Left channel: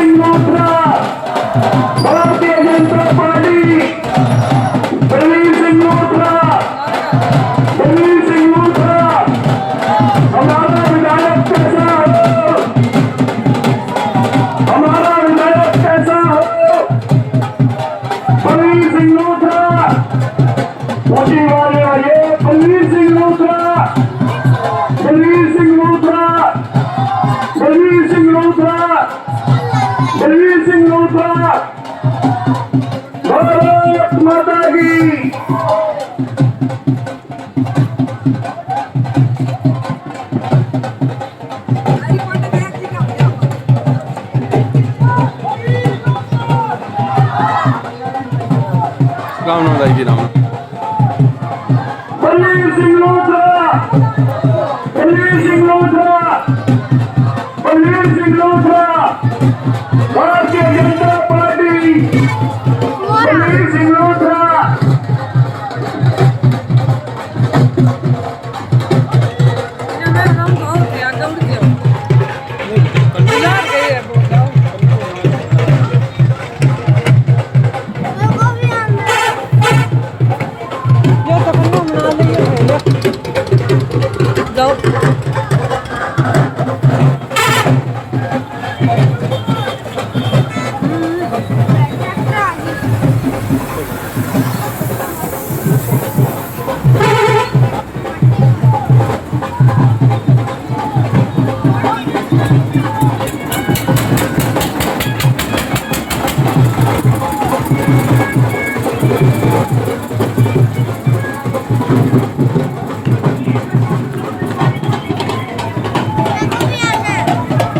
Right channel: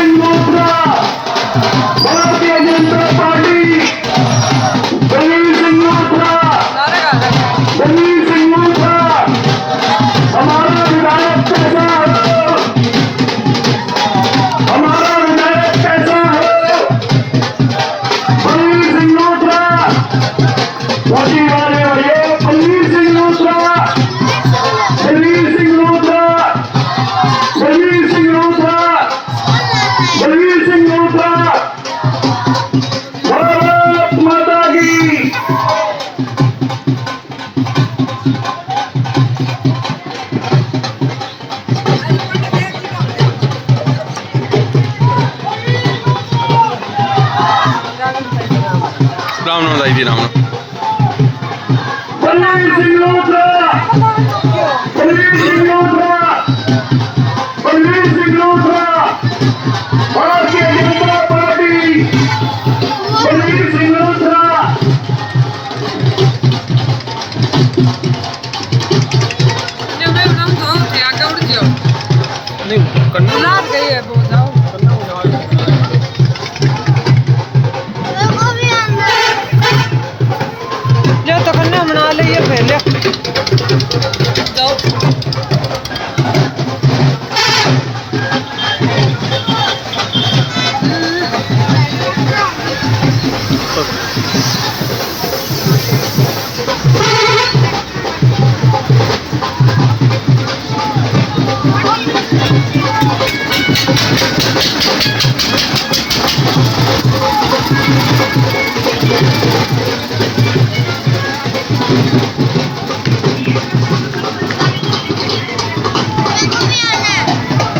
सिंह लूथरा, भारतीय जनता पार्टी, बलवीर सिंह लूथरा, बलवीर सिंह लूथरा, हमारा विधायक कैसा हो, हमारा विधायक कैसा हो, बलवीर सिंह लूथरा, मोदी वाले ये बलवीर सिंह लूथरा, बलवीर सिंह लूथरा, बलवीर सिंह लूथरा, बलवीर सिंह लूथरा, भारत माता की। राम नाम दाई दी राम नाम बलवीर सिंह लूथरा, बलवीर सिंह लूथरा, बलवीर सिंह लूथरा, भारतीय जनता पार्टी, बलवीर सिंह लूथरा। तो कन्या बना ले ये पहले जाओ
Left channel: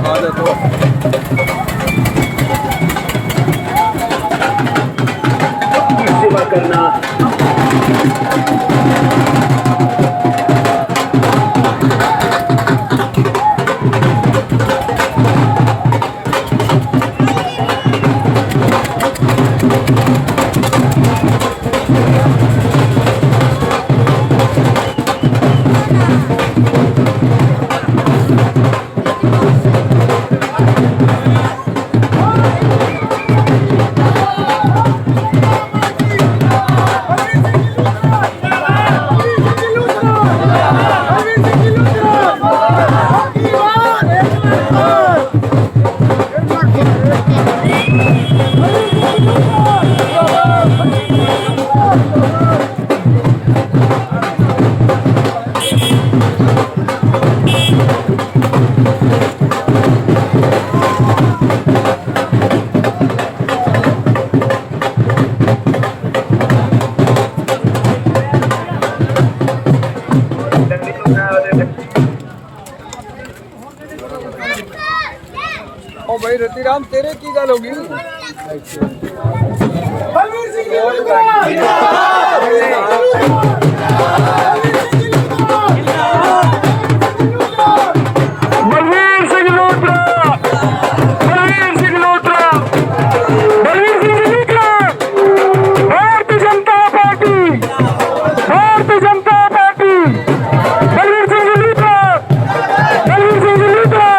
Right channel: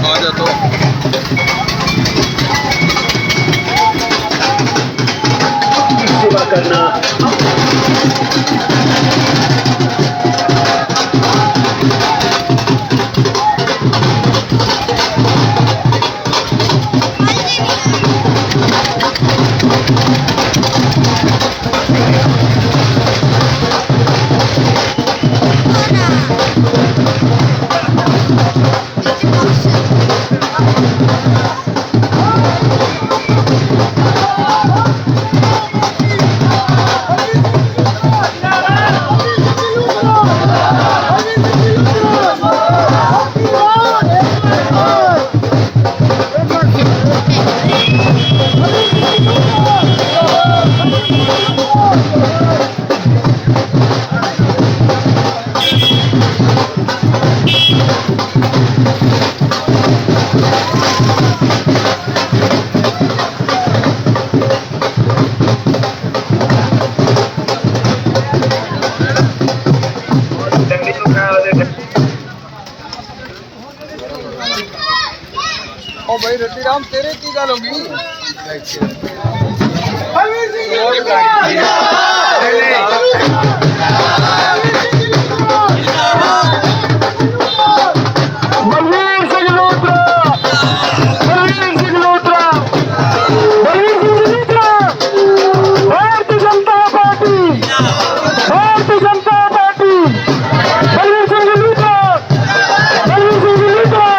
आ जा तो सेवा करना ओ भाई रतिराम तेरे की गल होगी Balvir Singh Luthra, Balveer Singh Luthra, Balveer Singh Luthra, Bharatiya Janata Party, Bharatiya Janata Party, Balveer Singh Luthra, Balveer Singh Luthra,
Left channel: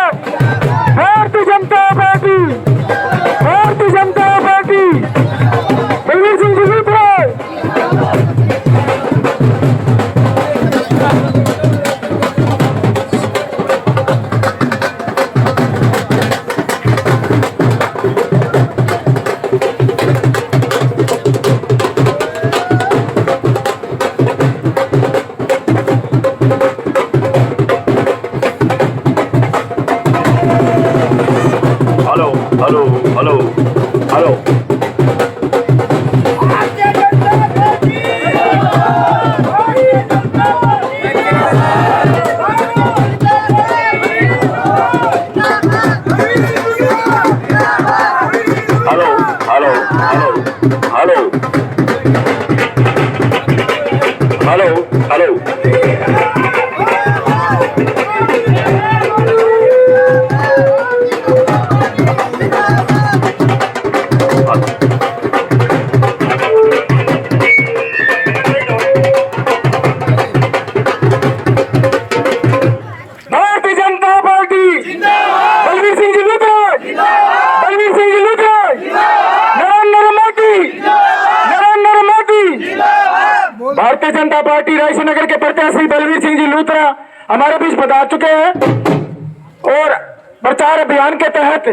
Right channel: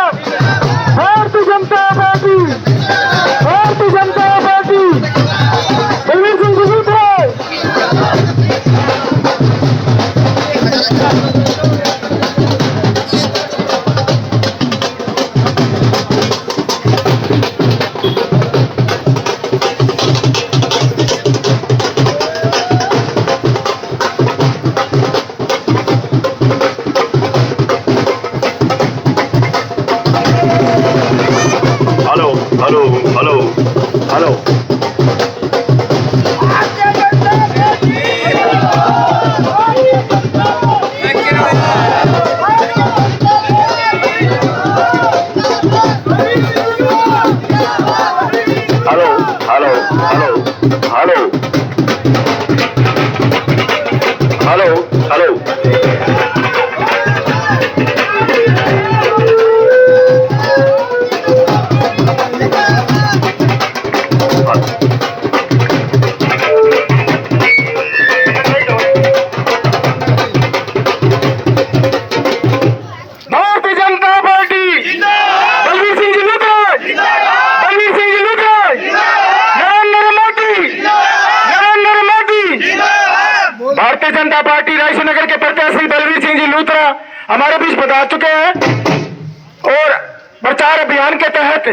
Bharatiya Janata Party, Bharatiya Janata Party, Balveer Singh Luthra. Hello hello hello hello hello hello hello hello hello hello Bharatiya Janata party Raisen नगर के प्रत्याशी बलवीर सिंह जी लूथरा हमारे बीच पधार चुके हैं और प्रचार अभियान के तहत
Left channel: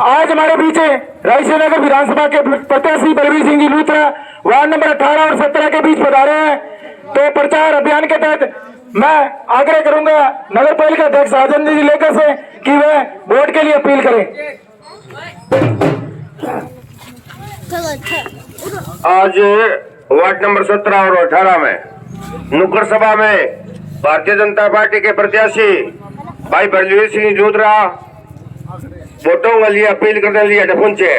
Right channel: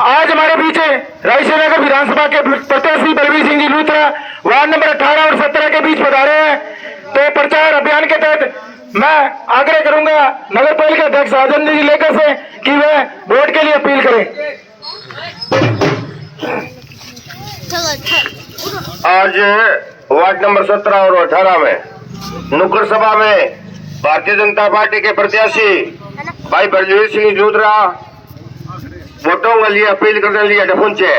आज हमारे बीच रायसेन नगर विधानसभा के प्रत्याशी बलवीर सिंह जी लूथरा वार्ड नंबर 18 और 17 के बीच पधारे हैं। तो प्रचार अभियान के तहत मैं आग्रह करूंगा नगर पालिका अध्यक्ष राजेंद्र जी लेकर से कि वे वोट के लिए अपील करें। आज वार्ड नंबर 17 और 18 में नुक्कड़ सभा में भारतीय जनता पार्टी के प्रत्याशी भाई बलवीर सिंह लूथरा वोटों के लिए अपील करने लिए पहुंचे।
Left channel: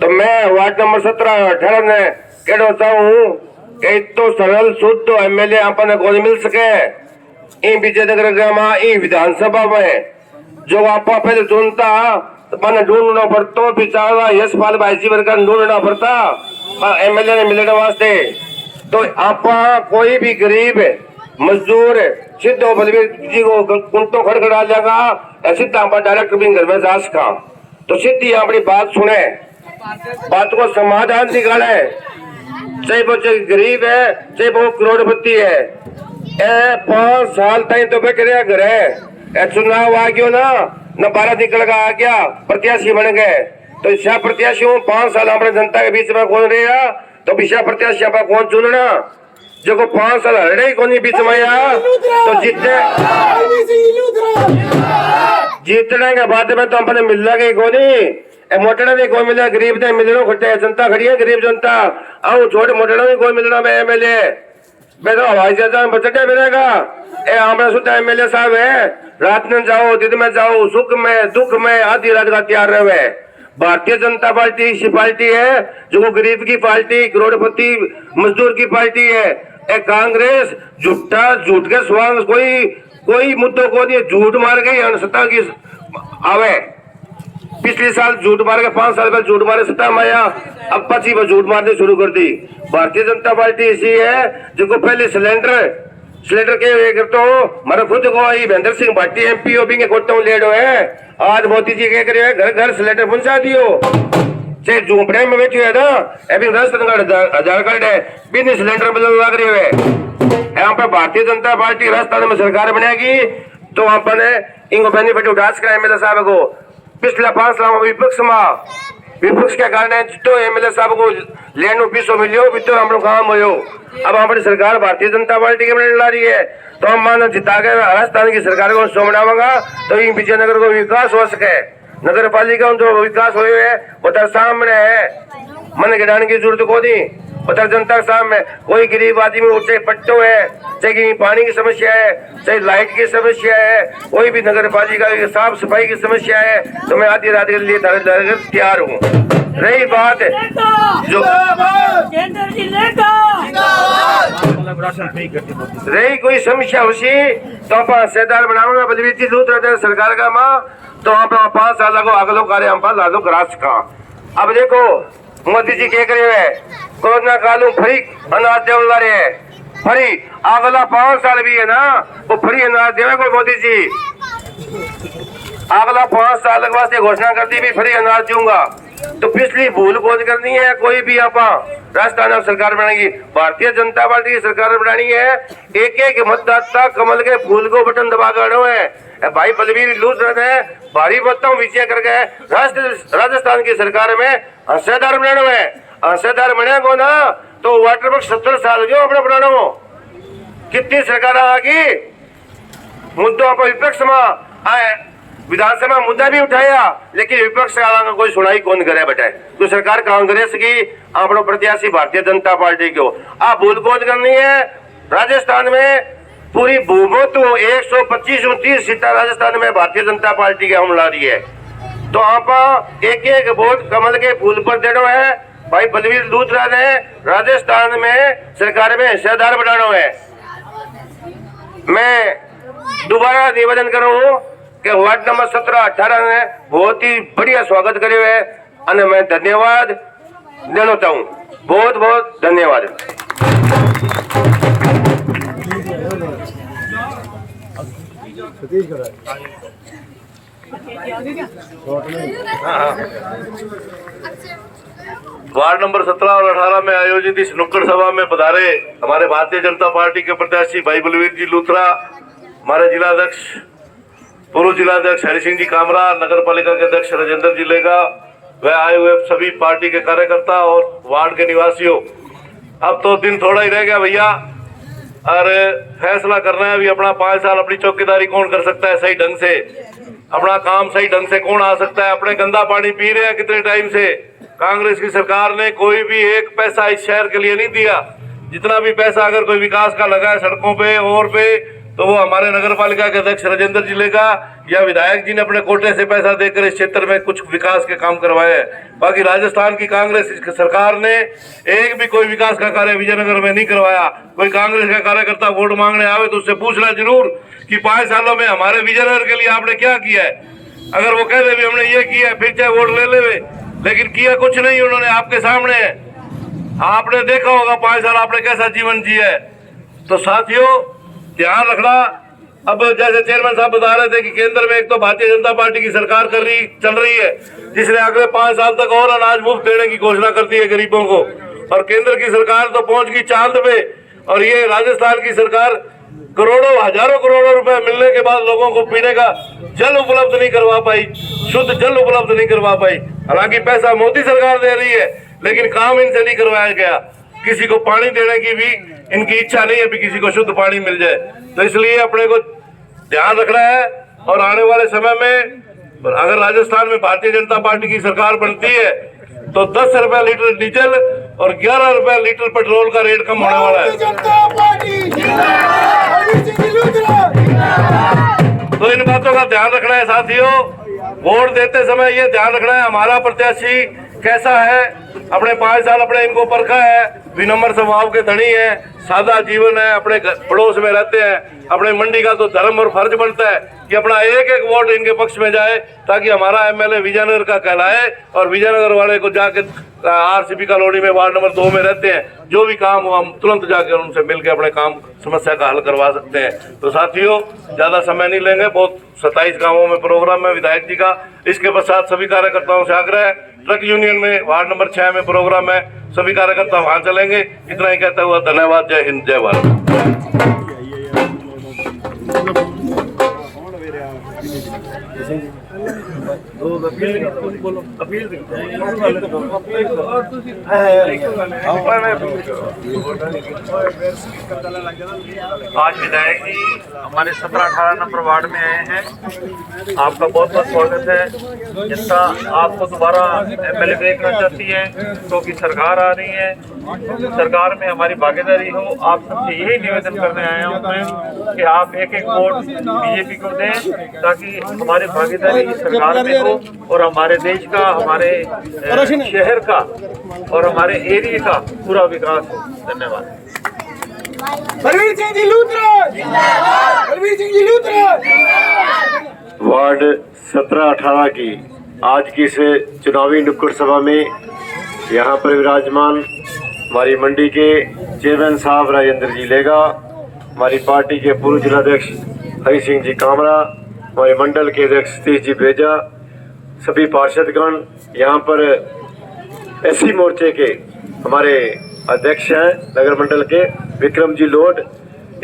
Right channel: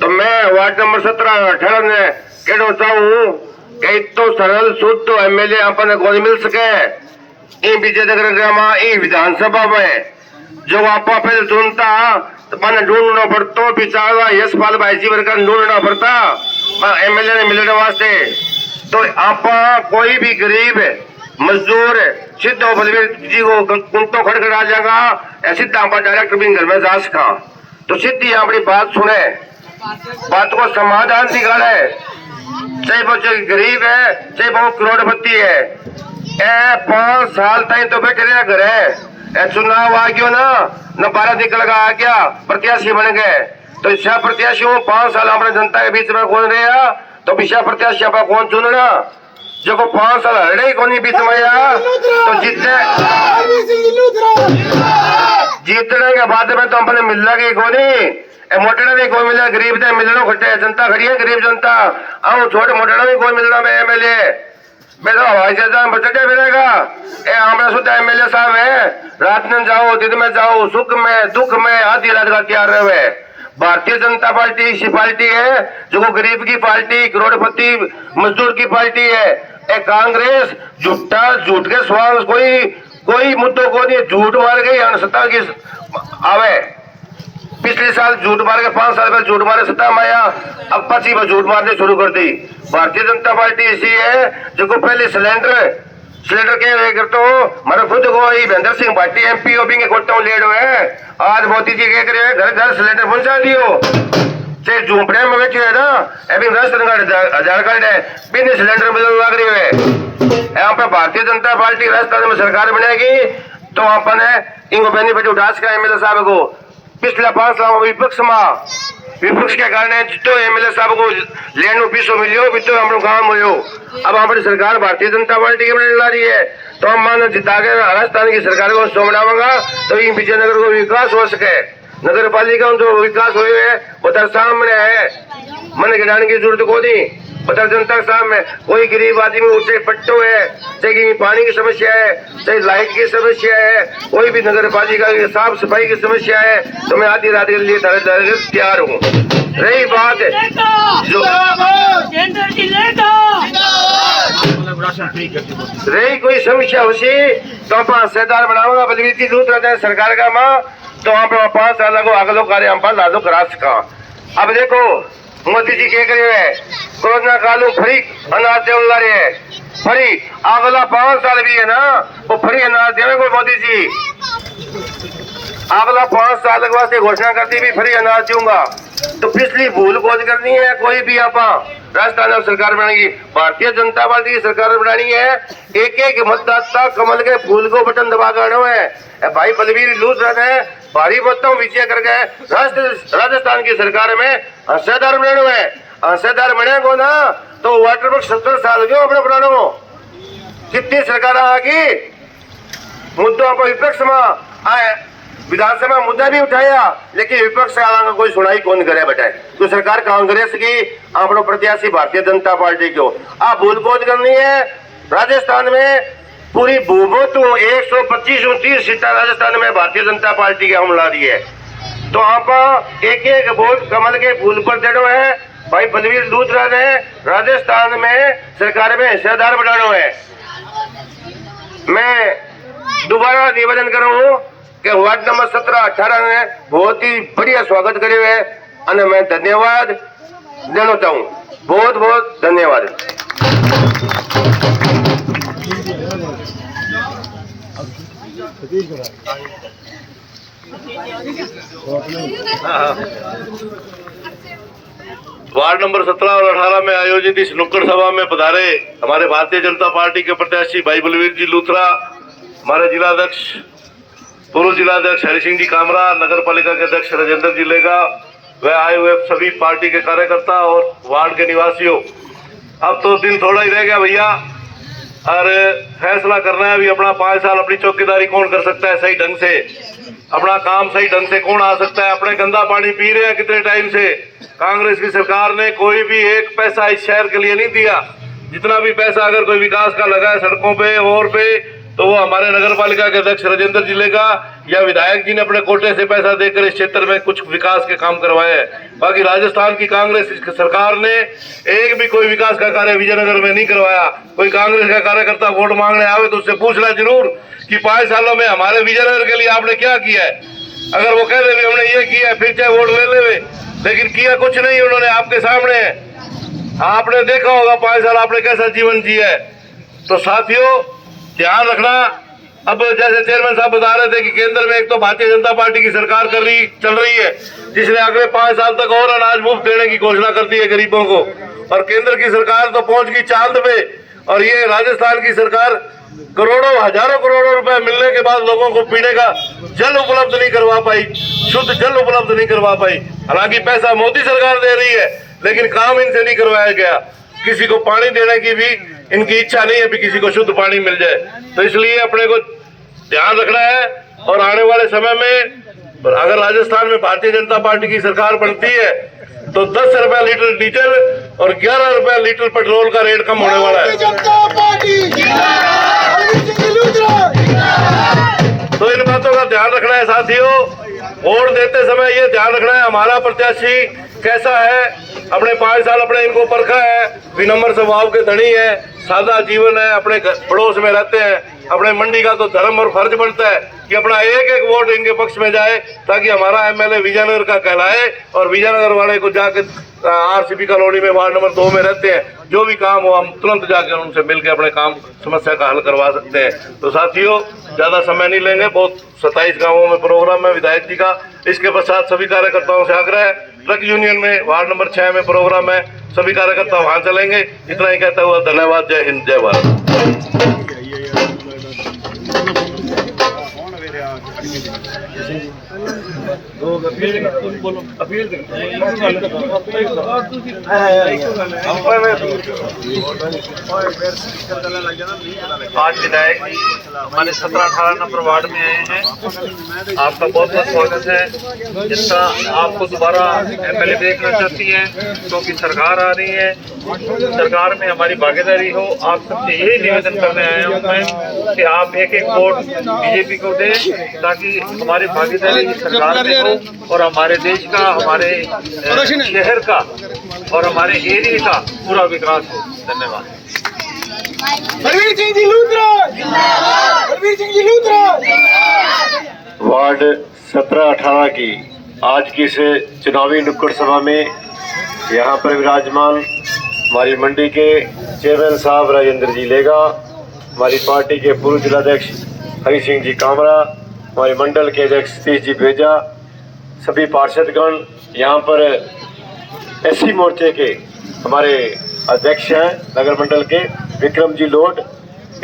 तो मैं वार्ड नंबर 17-18 में कहना चाहूँ कि तो सरल शुद्ध तो एमएलए अपन को मिल सके इन विजयनगर ग्राम विधानसभा में जो आप पहले चुनता तो मैंने ढूंढना पड़ता पिछाड़ा यशपाल भाई जी वर्ग ढूंढना पड़ता एमएलए ने मिलने वास्ते। तो आप कोई भी गरीब मजदूर सीधो बलवीर जी को कुंतो खड़खड़ा जाएगा सीधा आप डायरेक्ट भी घर में जा सका। तो सीधी अपनी बात सुने बात को समाधान निकाले चाहे वो गरीब है चाहे वो करोड़पति है। 5 साल तक तो बैठे रहे घर है चुनाव आ गया ना न 12 निकल आ गया प्रत्याशी बन गए। तो इस प्रत्याशियों 5 साल हमारे जनता के बीच में कौन रहा तो विषय प्रत्याशी आप कौन चुनना जो को 5 साल हरे कौन बीच में तो जीतने के बाद में तो अपने मिलना के कौन मोटड़ा भी कौन मिले गरीब ने मिलना खट्टे जनता खड़ी है गरीब जनता आओ छोटे मोटड़ा भी कोई मिलना में एमएलए मैं तो हवाई जहाज में बचटे मिलेगा हमारे सुधा एमएलए साहब है रात में जाओ दिन में जाओ सुख में दुख में आधी रात का तैयार रहे। भारतीय जनता पार्टी ऐसी पार्टी है जो गरीब की पार्टी करोड़पति मजदूर की पार्टी है। कांग्रेस झूठा झूठ के स्वाद कोई मुद्दों को नहीं झूठ मार गई सत्ता की आवे पिछले साल झूठ मार के 5 साल पहले झूठ मारे सत्ता में आया अब 25 में झूठ मारने शुरू कर दी। भारतीय जनता पार्टी ऐसी है जो को पहले सिलेंडर के तो हमारे खुद को महेंद्र सिंह भाटी एमपी ओबी के कोटों लेडो है आज मोदी जी के करे घर घर सिलेंडर पहुंचा दियो से झूपड़े में बैठे है ना अभी राशन कार्ड आधार कार्ड है बिना सिलेंडर में लग रही है। यहाँ पे भारतीय जनता पार्टी राजस्थान में सरकार बनेगी तो अपने इनको बेनिफिट उठा सका एमएलए साहब को पिछले 5 साल विपक्ष के कारण तो एमएलए साहब को लेनो पीसो मिलियो भी तो हम लोग काम हो अब हमारी सरकार भारतीय जनता पार्टी के ला रही है तो हम मान जिता के राजस्थान की सरकार को सोमनावागा तो इन विजयनगर को विकास हो सके। नगर पालिका जो विकास हुए है वो तो सामने है मन गिराने की जरूरत को नहीं पता जनता के सामने कोई गरीब आदमी उठे पट्टो है चाहे पानी की समस्या है चाहे लाइट की समस्या है कोई भी नगर पालिका की साफ सफाई की समस्या है तो मैं आधी रात के लिए तैयार हूँ। रही बात रही कोई समस्या उसी तो आप सेदार बनाओगा बलवीर जी लूथरा सरकार का माँ तो आप 5 साल को अगलो कार्य हम लागू करा सका। अब देखो मोदी जी क्या करे है कोरोना काल फ्री अनाज देने वाले है फ्री अगला 5 साल भी है ना वो फ्री अनाज देवे कोई मोदी जी अगला 5 साल के वास्ते घोषणा करती भी फ्री अनाज दूंगा। तो पिछली भूल खोज करनी है कोई भी आप राजस्थान में सरकार बनाएगी भारतीय जनता पार्टी की सरकार बनानी है एक मतदाता कमल के फूल को बटन दबा कर है भाई बलवीर लूथरा है भारी मतों विजय कर गए राजस्थान की सरकार में हिस्सेदार बने हुए हिस्सेदार बने को ना तो वाटर वर्क 70 साल क्यों अपने बनाना कितनी सरकार आगी मुद्दों को विपक्ष में आए विधानसभा मुद्दा भी उठाया लेकिन विपक्ष का कोई सुनाई कौन करे बेटा तो सरकार कांग्रेस की अपना प्रत्याशी भारतीय जनता पार्टी को आप भूल खोज करनी है। राजस्थान में पूरी बहुमत 125-130 सीटें राजस्थान में भारतीय जनता पार्टी की हम ला रही है तो आप एक वोट कमल के फूल पर देना है भाई बलवीर लूथरा ने राजस्थान में सरकार में हिस्सेदार बनाना है। मैं दोबारा निवेदन करूँ कि वार्ड नंबर 17-18 ने बहुत ही बढ़िया स्वागत करे हुए અને मैं धन्यवाद देना चाहूँ बहुत बहुत धन्यवाद। वार्ड नंबर 17 और 18 में आयोजित इस नुक्कड़ सभा में पधारे हमारे भारतीय जनता पार्टी के प्रत्याशी भाई बलवीर जी लूथरा, हमारे जिलाध्यक्ष पूर्व जिलाध्यक्ष हरि सिंह जी कामरा, नगर पालिका के अध्यक्ष राजेंद्र जी लेगा, व आए हुए सभी पार्टी के कार्यकर्ता और वार्ड के निवासियों। अब तो दिन थोड़ा ही रह गया भैया, और फैसला करना है भी अपना 5 साल अपनी चौकीदारी कौन कर सकता है सही ढंग से, अपना काम सही ढंग से कौन आ सकता है। अपने गंदा पानी पी रहे हैं कितने टाइम से। कांग्रेस की सरकार ने कोई भी एक पैसा इस शहर के लिए नहीं दिया। जितना भी पैसा अगर कोई विकास का लगा है सड़कों पे और पे, तो वो हमारे नगर पालिका के अध्यक्ष राजेंद्र जी लेगा या विधायक जी ने अपने कोटे से पैसा देकर इस क्षेत्र में कुछ विकास के काम करवाए हैं। बाकी राजस्थान की कांग्रेस सरकार ने एक भी कोई विकास का कार्य विजयनगर में नहीं करवाया। कोई कांग्रेस का कार्यकर्ता वोट मांगने आवे तो उससे पूछना जरूर कि 5 सालों में हमारे विजयनगर के लिए आपने क्या किया है। अगर वो कह दे भी हमने ये किया, फिर चाहे वोट ले ले, लेकिन किया कुछ नहीं उन्होंने। आपके सामने है, आपने देखा होगा 5 साल आपने कैसा जीवन जिया है। तो साथियों ध्यान रखना। अब जैसे चेयरमैन साहब बता रहे थे कि केंद्र में एक तो भारतीय जनता पार्टी की सरकार चल रही है, जिसने अगले 5 साल तक और अनाज मुफ्त देने की घोषणा कर दी है गरीबों को, और केंद्र की सरकार तो पहुंच गई चांद पे, और ये राजस्थान की सरकार करोड़ों हजारों करोड़ों रुपए मिलने के बाद लोगों को पीने का जल उपलब्ध नहीं करवा पाई, शुद्ध जल उपलब्ध नहीं करवा पाई। हालांकि पैसा मोदी सरकार दे रही है, लेकिन काम इनसे नहीं करवाया गया। किसी को पानी देने की भी इनकी इच्छा नहीं है कि किसी को शुद्ध पानी मिल जाए। तो इसलिए अपने को ध्यान रखना है, और आने वाले समय में अगर राजस्थान में भारतीय जनता पार्टी की सरकार बनती है तो 10 रुपए लीटर डीजल और 11 रुपए लीटर पेट्रोल का रेट कम होने वाला है। तो इन बातों का ध्यान रखना है साथियों। वोट देते समय ये ध्यान रखना है हमारा प्रत्याशी कैसा है। अपने 5 साल अपने इनको परखा है, विनम्र स्वभाव के धनी है, सादा जीवन है, अपने पड़ोस में रहते हैं। अपने मंडी का तो धर्म और फर्ज बनता है कि अपना एक एक वोट इनके पक्ष में जाए, ताकि हमारा एमएलए विजयनगर का कहलाए, और विजयनगर वाले को जाके आरसीबी कॉलोनी में वार्ड नंबर 2 में रहते हैं, जो भी काम हो हम तुरंत जाकर उनसे मिलकर अपने काम समस्या का हल करवा सकते हैं। तो साथियों ज्यादा समय नहीं लेंगे, बहुत 27 गाँवों में प्रोग्राम है विधायक जी का। इसके पश्चात सभी कार्यकर्ताओं से आग्रह है, ट्रक यूनियन में वार्ड नंबर 6 में प्रोग्राम है, सभी कार्यकर्ता वहां चलेंगे। इतना ही कहता हुआ धन्यवाद। जय हिंद, जय भारत। आज विधायक जी हमारे 17-18 नंबर वार्ड में आए हैं। आपका बहुत बहुत स्वागत है। जनता आपको दोबारा एमएलए देखना चाहती है, क्योंकि सरकार आ रही है, सरकार में हमारी भागीदारी हो। आप सबसे यही निवेदन करने आया हूँ मैं कि आप एक एक वोट बीजेपी को दें, ताकि हमारी भागीदारी सरकार में हो और हमारे देश का, हमारे शहर का और हमारे एरिया का पूरा विकास हो। धन्यवाद। बलवीर सिंह जी लूथरा, बलवीर सिंह जी लूथरा। वार्ड 17-18 की आज की इस चुनावी नुक्कड़ सभा में यहाँ पर विराजमान हमारी मंडी के चेयरमैन साहब राजेंद्र जी लेगा, हमारी पार्टी के पूर्व जिलाध्यक्ष हरि सिंह जी कामरा, हमारे मंडल के अध्यक्ष सतीश जी बेजा, सभी पार्षदगण, यहाँ पर एससी मोर्चे के हमारे अध्यक्ष हैं नगर मंडल के विक्रम जी लोड,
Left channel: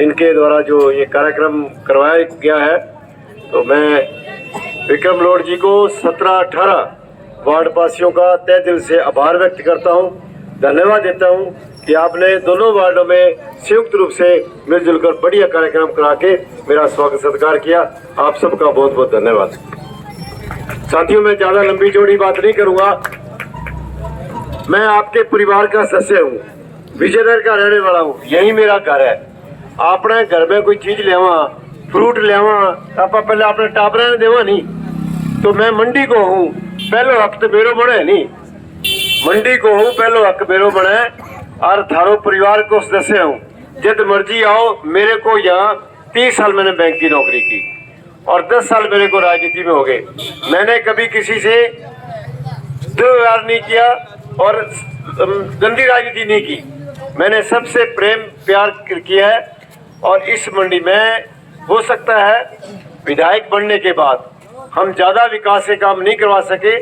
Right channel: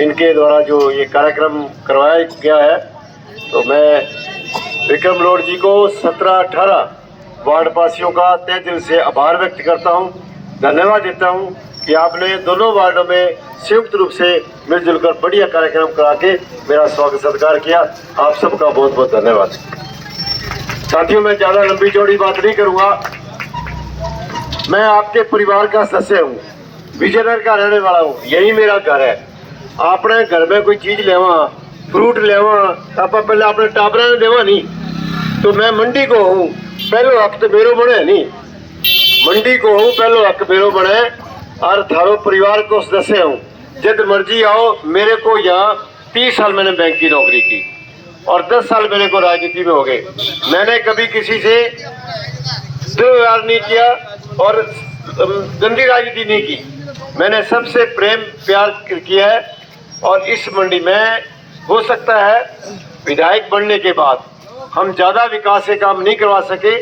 इनके द्वारा जो ये कार्यक्रम करवाया गया है, तो मैं विक्रम लोड जी को 17-18 वार्ड वासियों का तहे दिल से आभार व्यक्त करता हूँ, धन्यवाद देता हूँ कि आपने दोनों वार्डों में संयुक्त रूप से मिलजुल कर बढ़िया कार्यक्रम करा के मेरा स्वागत सत्कार किया। आप सबका बहुत बहुत धन्यवाद। साथियों मैं ज़्यादा लंबी चौड़ी बात नहीं करूँगा। मैं आपके परिवार का सदस्य हूँ, विजयनगर का रहने वाला हूँ, यही मेरा घर है। आपने घर में कोई चीज़ लेवा, फ्रूट लेवा, आप पहले अपने टाबरा ने देवा नहीं, तो मैं मंडी को हूँ, पहलो हक तो मेरो बने नहीं, मंडी को हूँ, पहलो हक मेरो बने, और थारो परिवार को सदस्य हूँ। जब मर्जी आओ, मेरे को यहाँ 30 साल मैंने बैंक की नौकरी की और 10 साल मेरे को राजनीति में हो गए। मैंने कभी किसी से दुर्व्यवहार नहीं किया और गंदी राजनीति नहीं की। मैंने सबसे प्रेम प्यार किया है, और इस मंडी में हो सकता है विधायक बनने के बाद हम ज़्यादा विकास के काम नहीं करवा सके,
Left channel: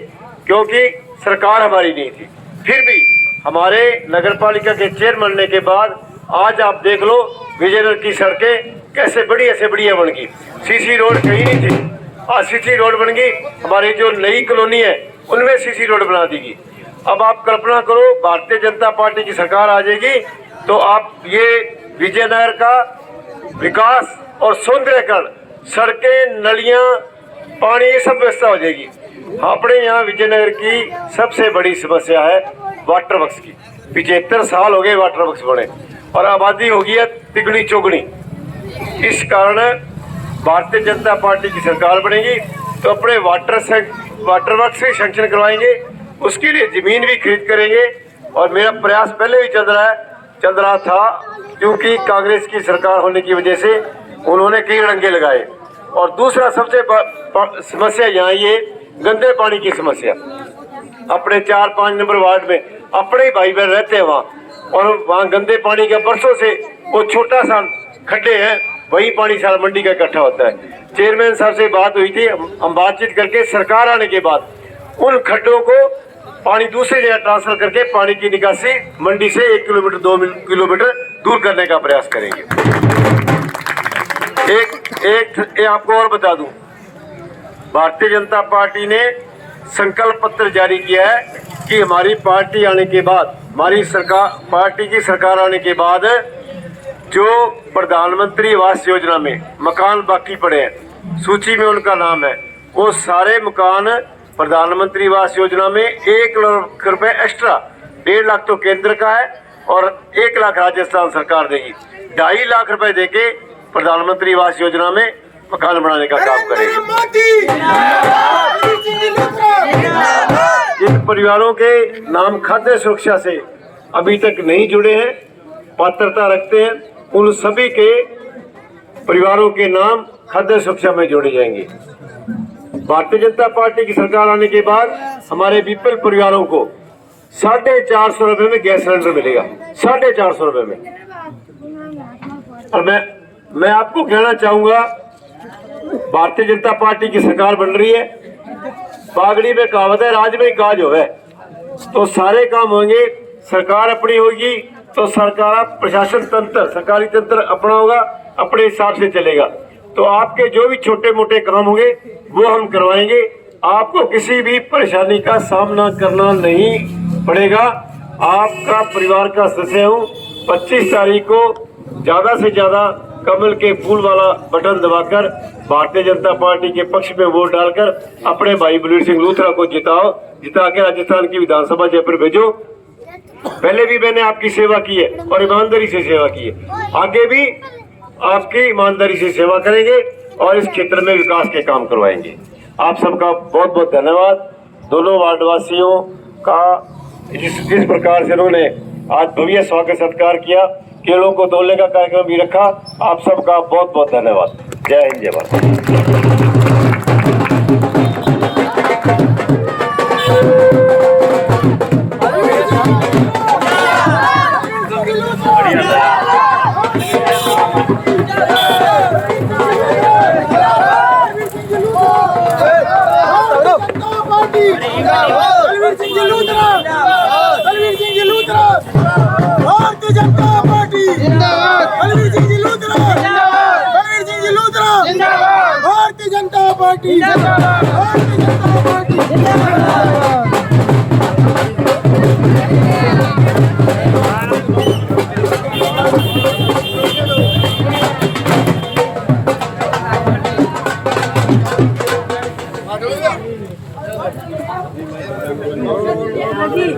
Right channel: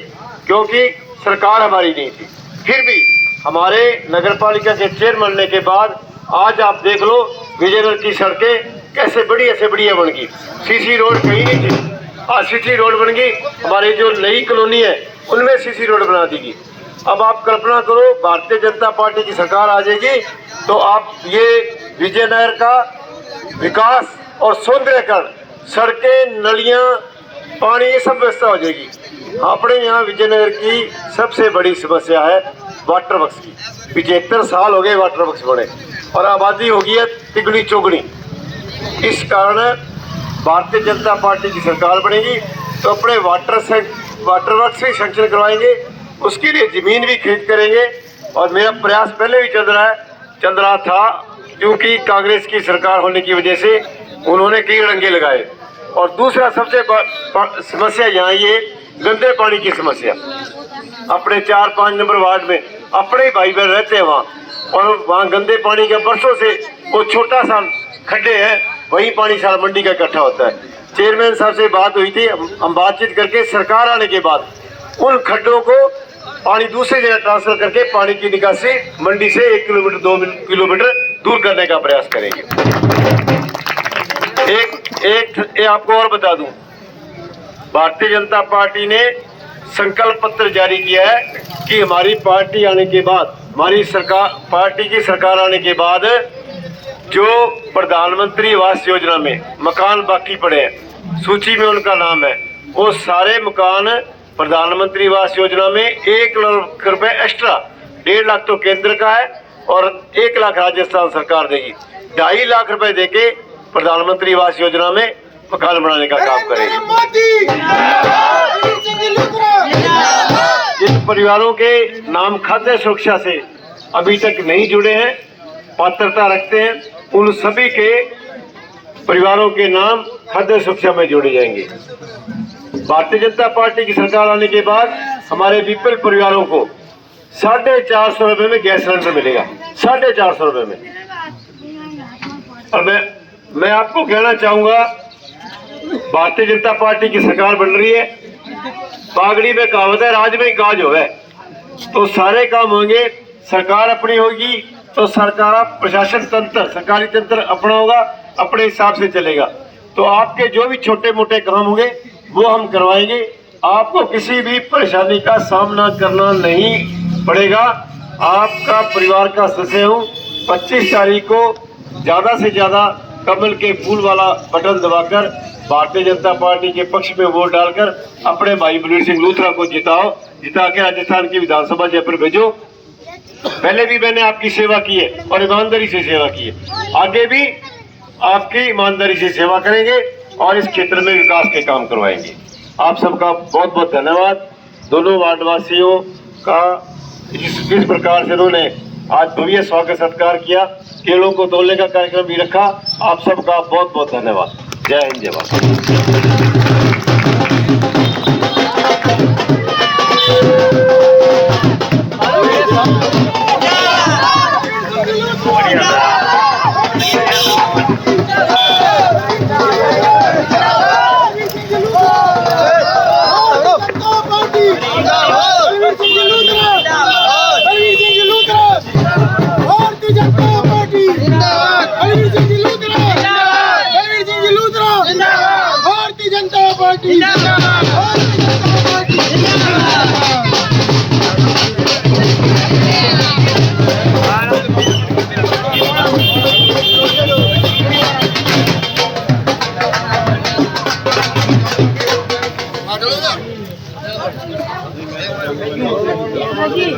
क्योंकि सरकार हमारी नहीं थी। फिर भी हमारे नगर पालिका के चेयरमैन बनने के बाद आज आप देख लो विजयनगर की सड़कें कैसे बढ़िया से बढ़िया बन गई। सीसी रोड कहीं नहीं थी, आज सीसी रोड बन गई। हमारी जो नई कॉलोनी है उनमें सीसी रोड बना दी गई। अब आप कल्पना करो भारतीय जनता पार्टी की सरकार आ जाएगी तो आप ये विजयनगर का विकास और सौंदर्यकरण, सड़कें, नलियां, पानी, ये सब व्यवस्था हो जाएगी। अपने यहाँ विजयनगर की सबसे बड़ी समस्या है वाटर वर्क्स की। 75 साल हो गए वाटर वर्क्स बने और आबादी हो गई है तिगुनी चौगुनी। इस कारण भारतीय जनता पार्टी की सरकार बनेगी तो अपने वाटर वर्क्स से सैंक्शन करवाएंगे, उसके लिए जमीन भी खरीद करेंगे। और मेरा प्रयास पहले भी चल रहा था, क्योंकि कांग्रेस की सरकार होने की वजह से उन्होंने कई रंगे लगाए। और दूसरा सबसे समस्या यहाँ ये गंदे पानी की समस्या। अपने 4-5 नंबर वार्ड में अपने ही भाई बहन रहते हैं वहाँ, और वहाँ गंदे पानी का बरसों से वो छोटा सा खड्डे हैं, वही पानी सारा मंडी का इकट्ठा होता है। चेयरमैन साहब से बात हुई थी, हम बातचीत करके सरकार आने के बाद उन खड्डों को पानी दूसरी जगह ट्रांसफर करके पानी की निकासी मंडी से 1 किलोमीटर 2 किलोमीटर दूर करने का प्रयास करेंगे। एक आपको और बता दूं, भारतीय जनता पार्टी ने संकल्प पत्र जारी किया है कि हमारी पार्टी आने के बाद, हमारी सरकार, पार्टी की सरकार आने के बाद जो प्रधानमंत्री आवास योजना में मकान बाकी पड़े हैं, सूची में उनका नाम है, वो सारे मकान प्रधानमंत्री आवास योजना में 1 लाख रुपए एक्स्ट्रा, 1.5 लाख तो केंद्र का है और 1 लाख राजस्थान सरकार देगी। 2.5 लाख रुपए देके प्रधानमंत्री आवास योजना में मकान बनाने का काम करेंगे। जिन परिवारों के नाम खाद्य सुरक्षा से अभी तक नहीं जुड़े हैं, पात्रता रखते हैं, उन सभी के परिवारों के नाम खाद्य सुरक्षा में जोड़े जाएंगे। भारतीय जनता पार्टी की सरकार आने के बाद हमारे बीपीएल परिवारों को 450 रुपए में गैस सिलेंडर मिलेगा, 450 रुपए में। और मैं आपको कहना चाहूंगा, भारतीय जनता पार्टी की सरकार बन रही है, बागड़ी में कहावत है, राज में काज होवे, तो सारे काम होंगे। सरकार अपनी होगी तो सरकार, प्रशासन तंत्र, सरकारी तंत्र अपना होगा, अपने हिसाब से चलेगा। तो आपके जो भी छोटे मोटे काम होंगे वो हम करवाएंगे, आपको किसी भी परेशानी का सामना करना नहीं पड़ेगा। आपका परिवार का सदस्य हूँ। 25 तारीख को ज्यादा से ज्यादा कमल के फूल वाला बटन दबाकर भारतीय जनता पार्टी के पक्ष में वोट डालकर अपने भाई बलवीर सिंह लूथरा को जिताओ, जिता के राजस्थान की विधानसभा जयपुर भेजो। पहले भी मैंने आपकी सेवा की है और ईमानदारी से सेवा की है, आगे भी आपकी ईमानदारी से सेवा करेंगे और इस क्षेत्र में विकास के काम करवाएंगे। आप सबका बहुत बहुत धन्यवाद। दोनों वार्डवासियों का जिस प्रकार से उन्होंने आज भव्य स्वागत सत्कार किया, केलों को तोलने का कार्यक्रम भी रखा, आप सबका बहुत बहुत धन्यवाद। जय हिंद, जय भारत। भारतीय जनता पार्टी, बलवीर सिंह जी लूथरा, बलवीर सिंह जी लूथरा, भारतीय जनता पार्टी, भारतीय जनता पार्टी। जी